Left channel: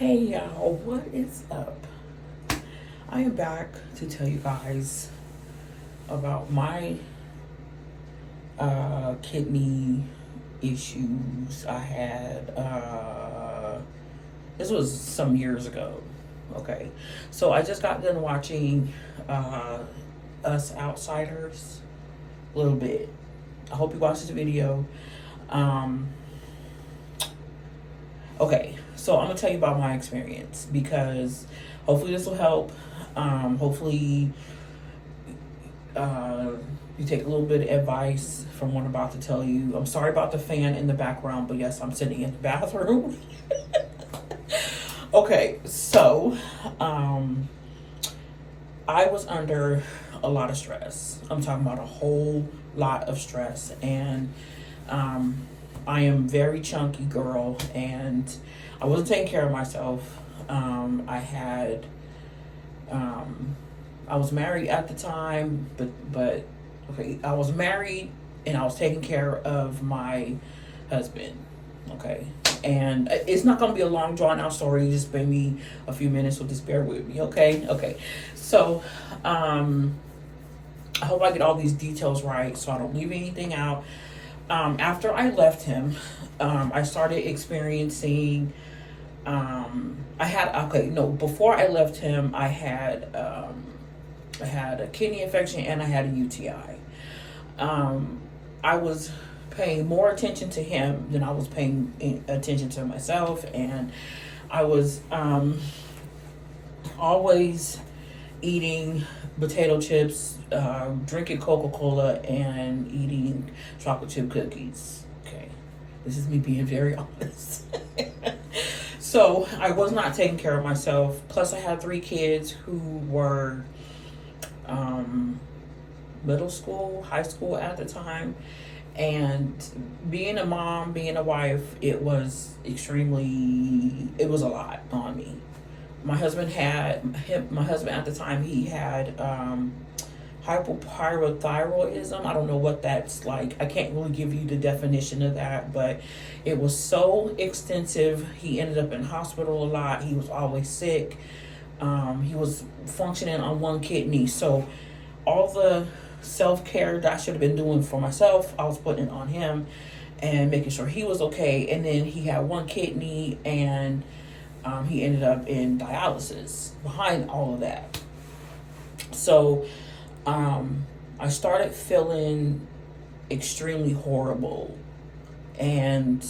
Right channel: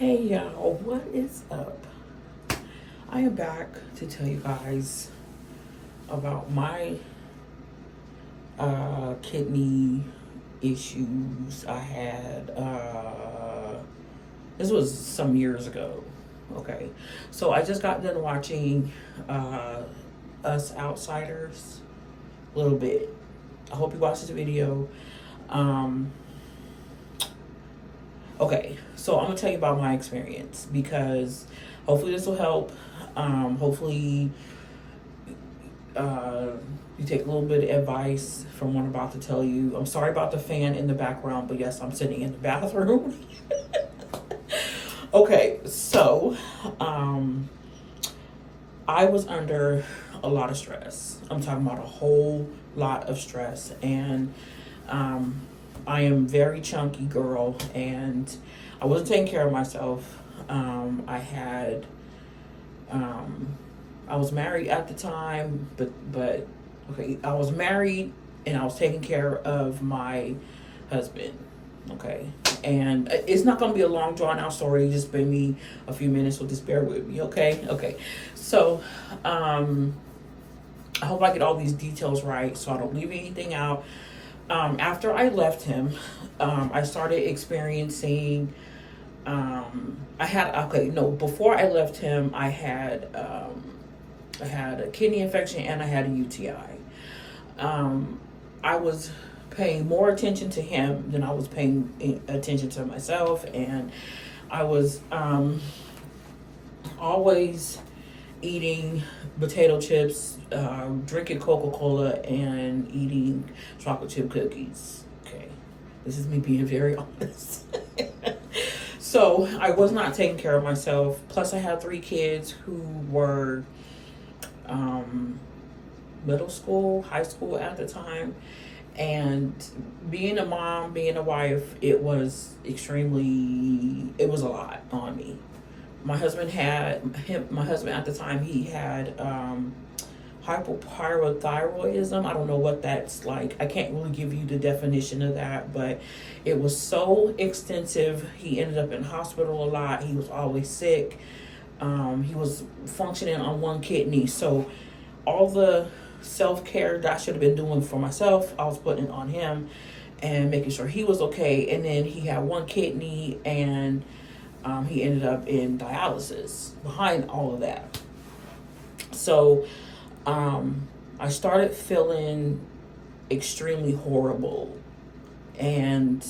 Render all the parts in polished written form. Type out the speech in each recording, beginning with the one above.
Hey y'all, what is up? I am back to tell you guys about my kidney issues I had. This was some years ago. Okay, so I just got done watching Us Outsiders a little bit. I hope you watched the video. Okay, so I'm gonna tell you about my experience because hopefully this will help. Hopefully you take a little bit of advice from what I'm about to tell you. I'm sorry about the fan in the background, but yes, I'm sitting in the bathroom. Okay, so I was under a lot of stress. I'm talking about a whole lot of stress, and I am very chunky girl, and I wasn't taking care of myself. I was married at the time, but okay, I was married and I was taking care of my husband. Okay, and it's not going to be a long drawn out story. Just maybe a few minutes, so just bear with me. Okay. So, I hope I get all these details right, so I don't leave anything out. After I left him, I started experiencing, before I left him, I had a kidney infection and I had a UTI. I was paying more attention to him than I was paying attention to myself. And I was, always eating potato chips, drinking Coca-Cola, and eating chocolate chip cookies. Okay, this is me being very honest. So I was not taking care of myself. Plus I had 3 kids who were middle school, high school at the time. And being a mom, being a wife, it was a lot on me. My husband at the time, he had hypothyroidism. I don't know what that's like. I can't really give you the definition of that, but it was so extensive. He ended up in hospital a lot. He was always sick. He was functioning on 1 kidney. So all the self-care that I should have been doing for myself, I was putting it on him and making sure he was okay. And then he had 1 kidney, and he ended up in dialysis behind all of that. So I started feeling extremely horrible, and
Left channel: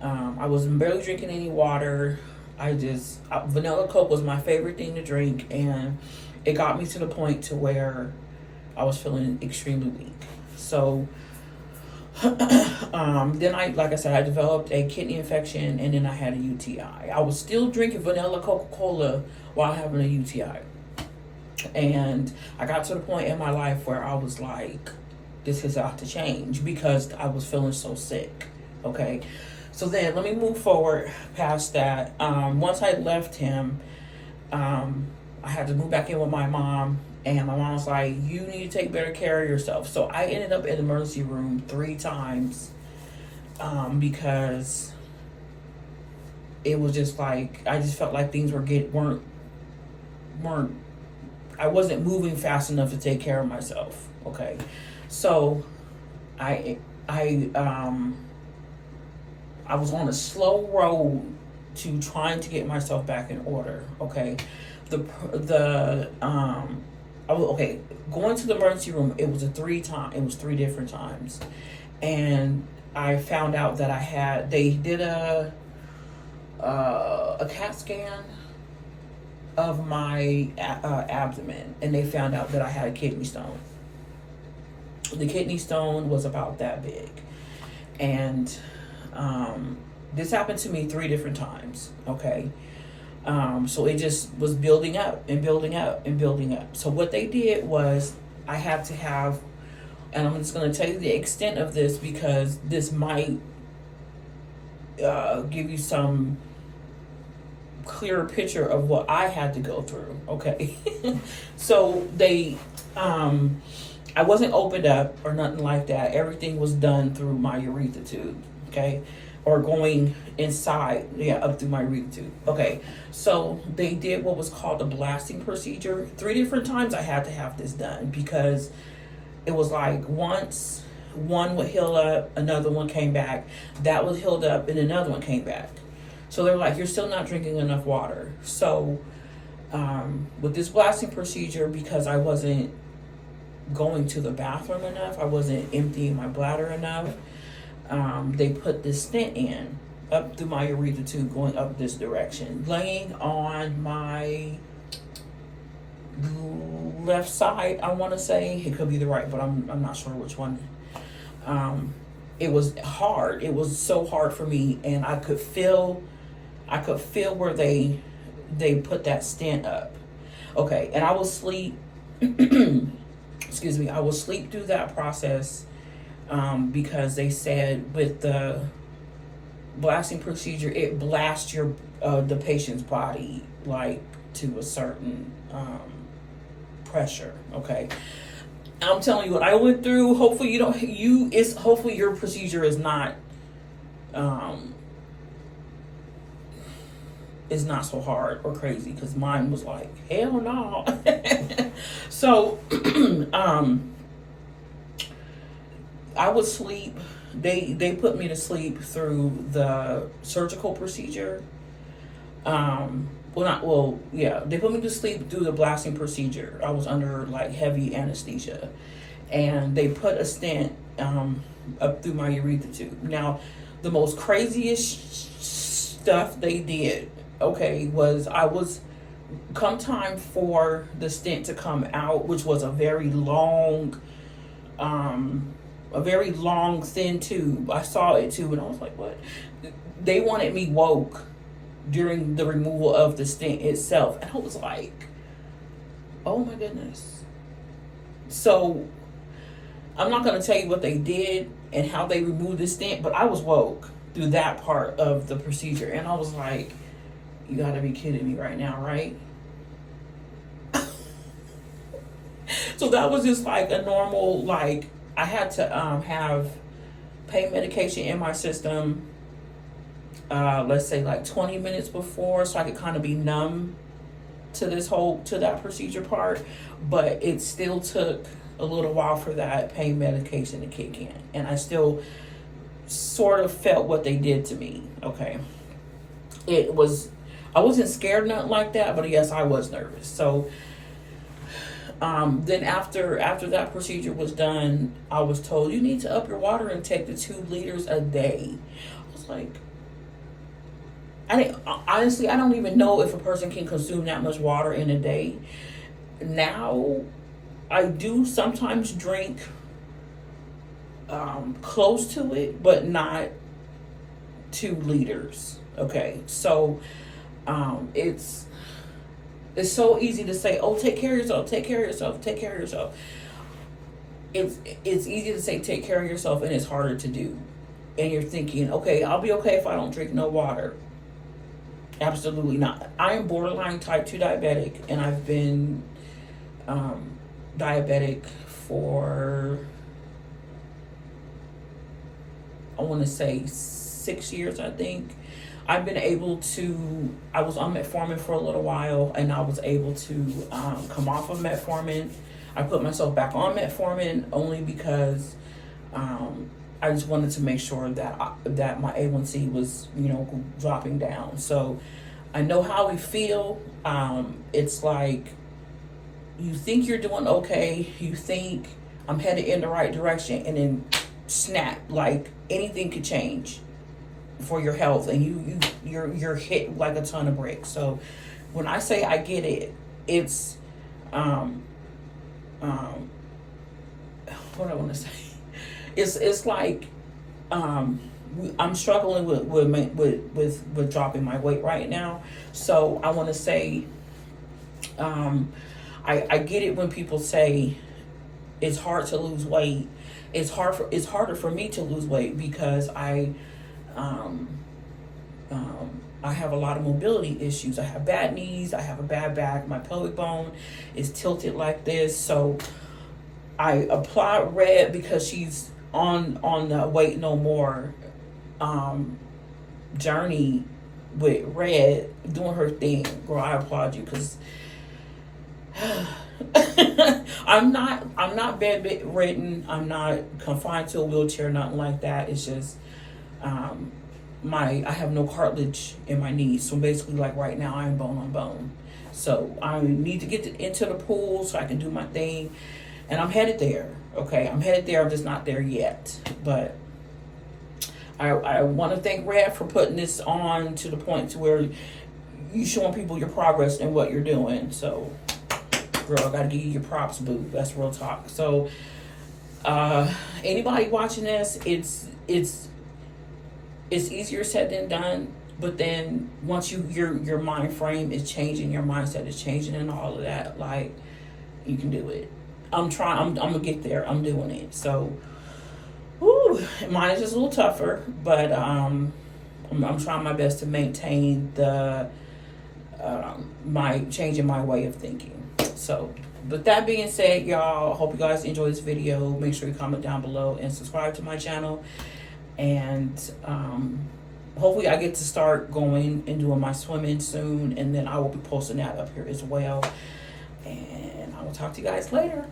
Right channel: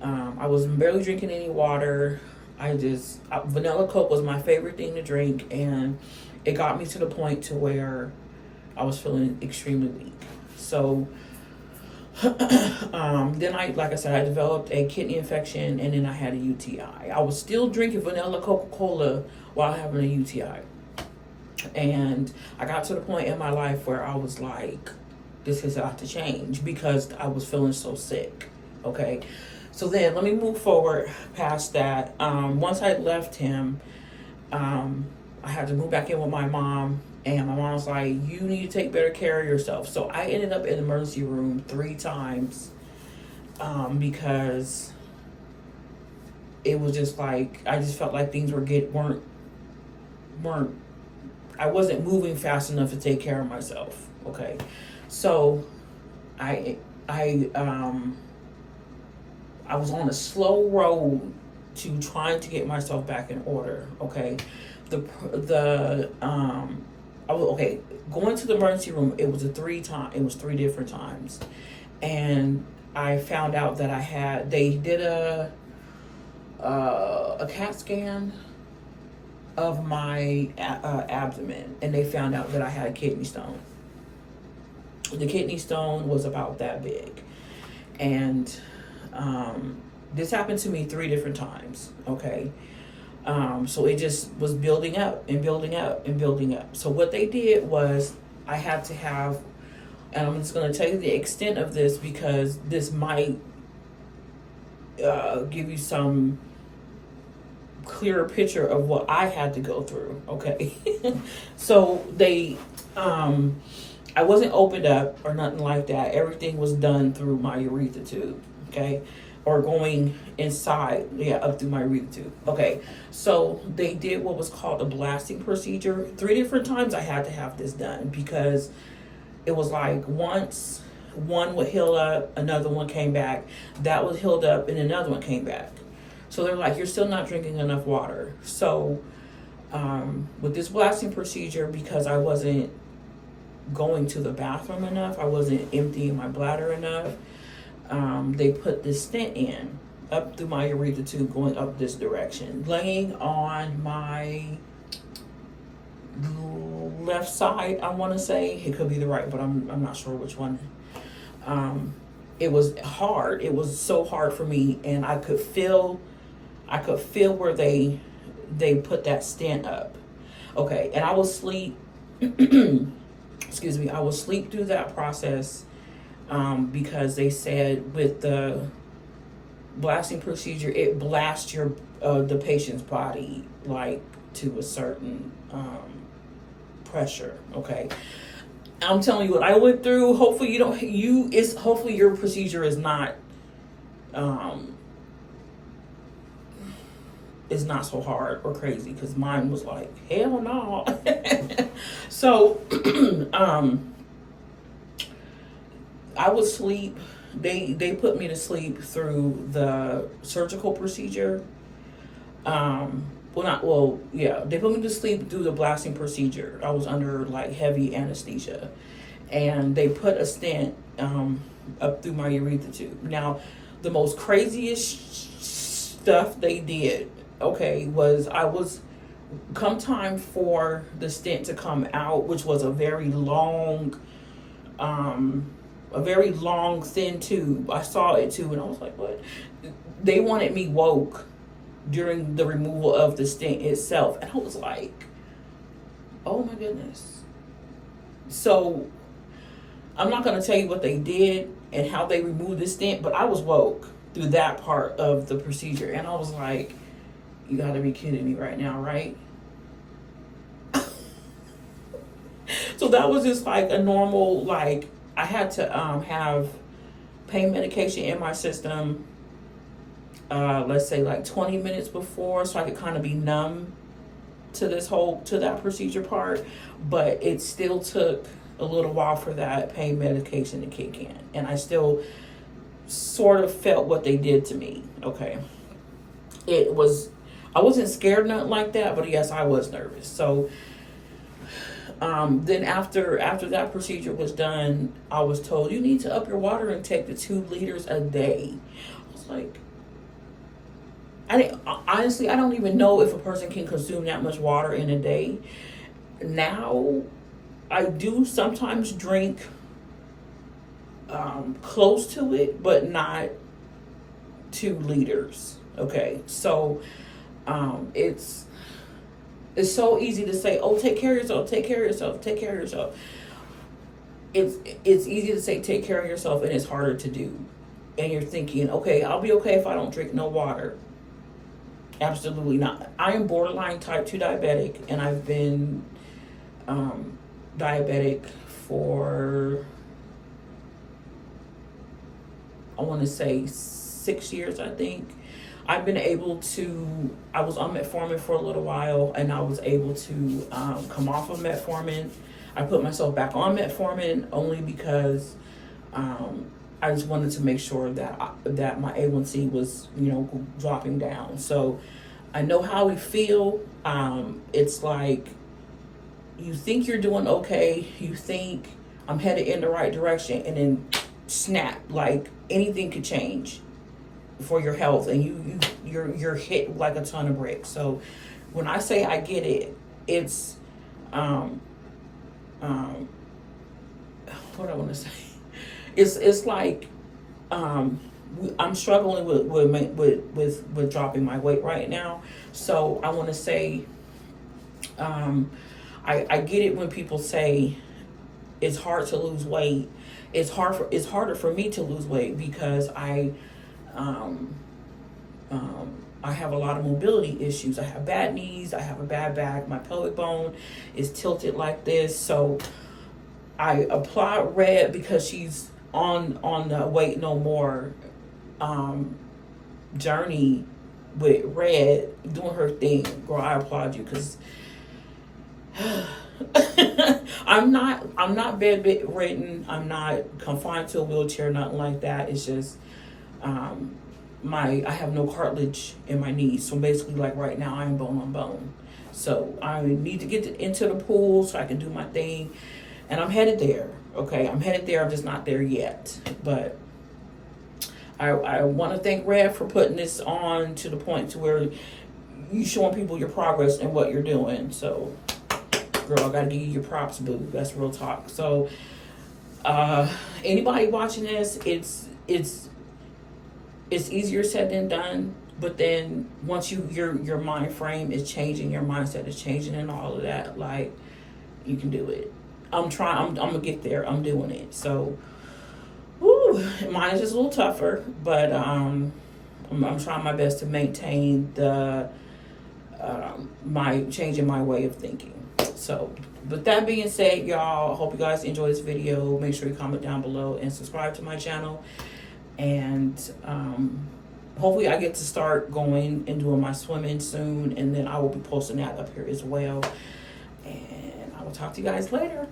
I was barely drinking any water. Vanilla Coke was my favorite thing to drink, and it got me to the point to where I was feeling extremely weak. So then like I said, I developed a kidney infection, and then I had a UTI. I was still drinking vanilla Coca-Cola while having a UTI. And I got to the point in my life where I was like, this has got to change because I was feeling so sick. Okay. So then let me move forward past that. Once I left him, I had to move back in with my mom. And my mom was like, you need to take better care of yourself. So I ended up in the emergency room 3 times because it was just like, I just felt like things weren't I wasn't moving fast enough to take care of myself. Okay. So I was on a slow road to trying to get myself back in order. Okay. Going to the emergency room, it was 3 different times. And I found out that they did a CAT scan of my abdomen, and they found out that I had a kidney stone. The kidney stone was about that big. And this happened to me 3 different times. Okay. So it just was building up and building up and building up. So what they did was I had to have, and I'm just going to tell you the extent of this because this might give you some clearer picture of what I had to go through. Okay. So I wasn't opened up or nothing like that. Everything was done through my urethra tube. Okay. or going inside, yeah, up through my urethra tube. Okay, so they did what was called a blasting procedure. 3 different times I had to have this done, because it was like once one would heal up, another one came back, that was healed up, and another one came back. So they're like, you're still not drinking enough water. So with this blasting procedure, because I wasn't going to the bathroom enough, I wasn't emptying my bladder enough, they put this stent in up through my urethra tube, going up this direction, laying on my left side, I want to say. It could be the right, but I'm not sure which one. It was hard. It was so hard for me, and I could feel where they put that stent up. Okay, and I was asleep. Excuse me. I was asleep through that process, because they said with the blasting procedure, it blasts your the patient's body like to a certain pressure. Okay, I'm telling you what I went through. Hopefully hopefully your procedure is not so hard or crazy, because mine was like, hell no. So I would sleep. They put me to sleep through the surgical procedure. They put me to sleep through the blasting procedure. I was under like heavy anesthesia, and they put a stent up through my urethra tube. Now, the most craziest stuff they did, okay, was come time for the stent to come out, which was a very long thin tube. I saw it too, and I was like, what? They wanted me woke during the removal of the stent itself, and I was like, oh my goodness. So I'm not going to tell you what they did and how they removed the stent, but I was woke through that part of the procedure, and I was like, you gotta be kidding me right now, right? So that was just like a normal, like, I had to have pain medication in my system, let's say like 20 minutes before, so I could kind of be numb to that procedure part. But it still took a little while for that pain medication to kick in, and I still sort of felt what they did to me. Okay, I wasn't scared, nothing like that, but yes, I was nervous. So then after that procedure was done, I was told, you need to up your water intake to 2 liters a day. I was like, honestly, I don't even know if a person can consume that much water in a day. Now, I do sometimes drink close to it, but not 2 liters. Okay, so it's so easy to say, oh, take care of yourself, take care of yourself, take care of yourself. It's easy to say take care of yourself, and it's harder to do. And you're thinking, okay, I'll be okay if I don't drink no water. Absolutely not. I am borderline type 2 diabetic, and I've been diabetic for, I want to say 6 years, I think. I was on metformin for a little while, and I was able to come off of metformin. I put myself back on metformin only because I just wanted to make sure that my A1C was, dropping down. So I know how we feel. It's like you think you're doing okay, you think I'm headed in the right direction, and then snap, like anything could change for your health, and you're hit like a ton of bricks. So when I say I get it, it's what I want to say, it's like I'm struggling with dropping my weight right now. So I want to say I get it when people say it's hard to lose weight. It's harder for me to lose weight because I have a lot of mobility issues. I have bad knees. I have a bad back. My pelvic bone is tilted like this. So I applaud Red because she's on the Weight No More journey with Red doing her thing. Girl, I applaud you, because I'm not bedridden. I'm not confined to a wheelchair, nothing like that. It's just I have no cartilage in my knees. So basically, like right now, I'm bone on bone. So I need to get into the pool so I can do my thing. And I'm headed there. Okay, I'm headed there. I'm just not there yet. But I want to thank Red for putting this on to the point to where you showing people your progress and what you're doing. So, girl, I gotta give you your props, boo. That's real talk. So, anybody watching this, it's easier said than done. But then once your mind frame is changing, your mindset is changing, and all of that, like, you can do it. I'm gonna get there. I'm doing it. So, mine is just a little tougher, but I'm trying my best to maintain the my changing my way of thinking. So, but that being said, y'all, hope you guys enjoy this video. Make sure you comment down below and subscribe to my channel. And hopefully I get to start going and doing my swimming soon, and then I will be posting that up here as well. And I will talk to you guys later.